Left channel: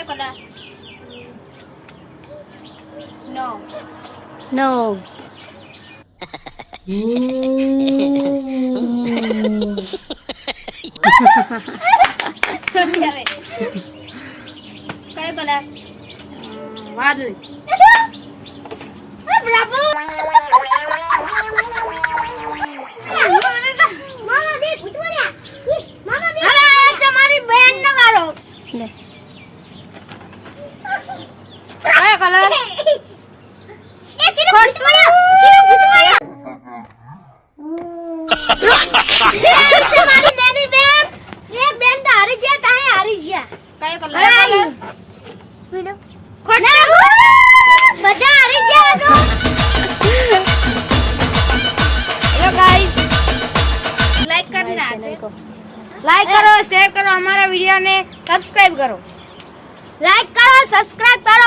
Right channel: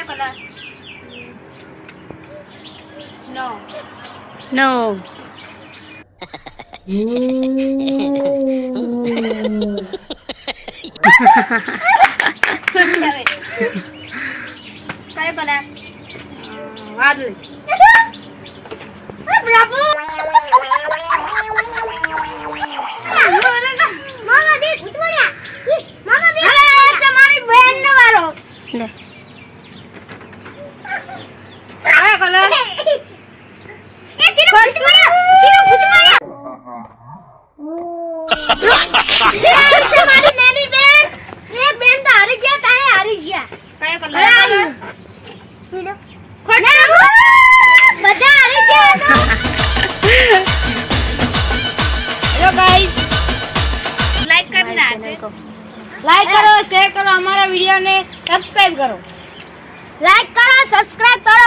કયો કલર? નો. નો. કયો કલર? વાદળી. બ્રાવો. મામા બે ઉતવડ્યા. મામા બે. હવે તમારી બેન નો વારો. લે. કયો કલર? એ સિરો ઉતવડ્યા. સિરો ઉતવડ્યા. તમારી નાની બેન. એક બેન તો હારી ગયા, તાહે હારી ગયા. કયો કલર? પીળો. ખોટા. બધા હારી ગયા તો. હેલો ગાઈસ, લાઈક કરી નાખો. લાઈક કરો, શેર કરો, અમારા વિડિયોને સબસ્ક્રાઇબ કરો. લાઈક કરો, સબસ્ક્રાઇબ કરો.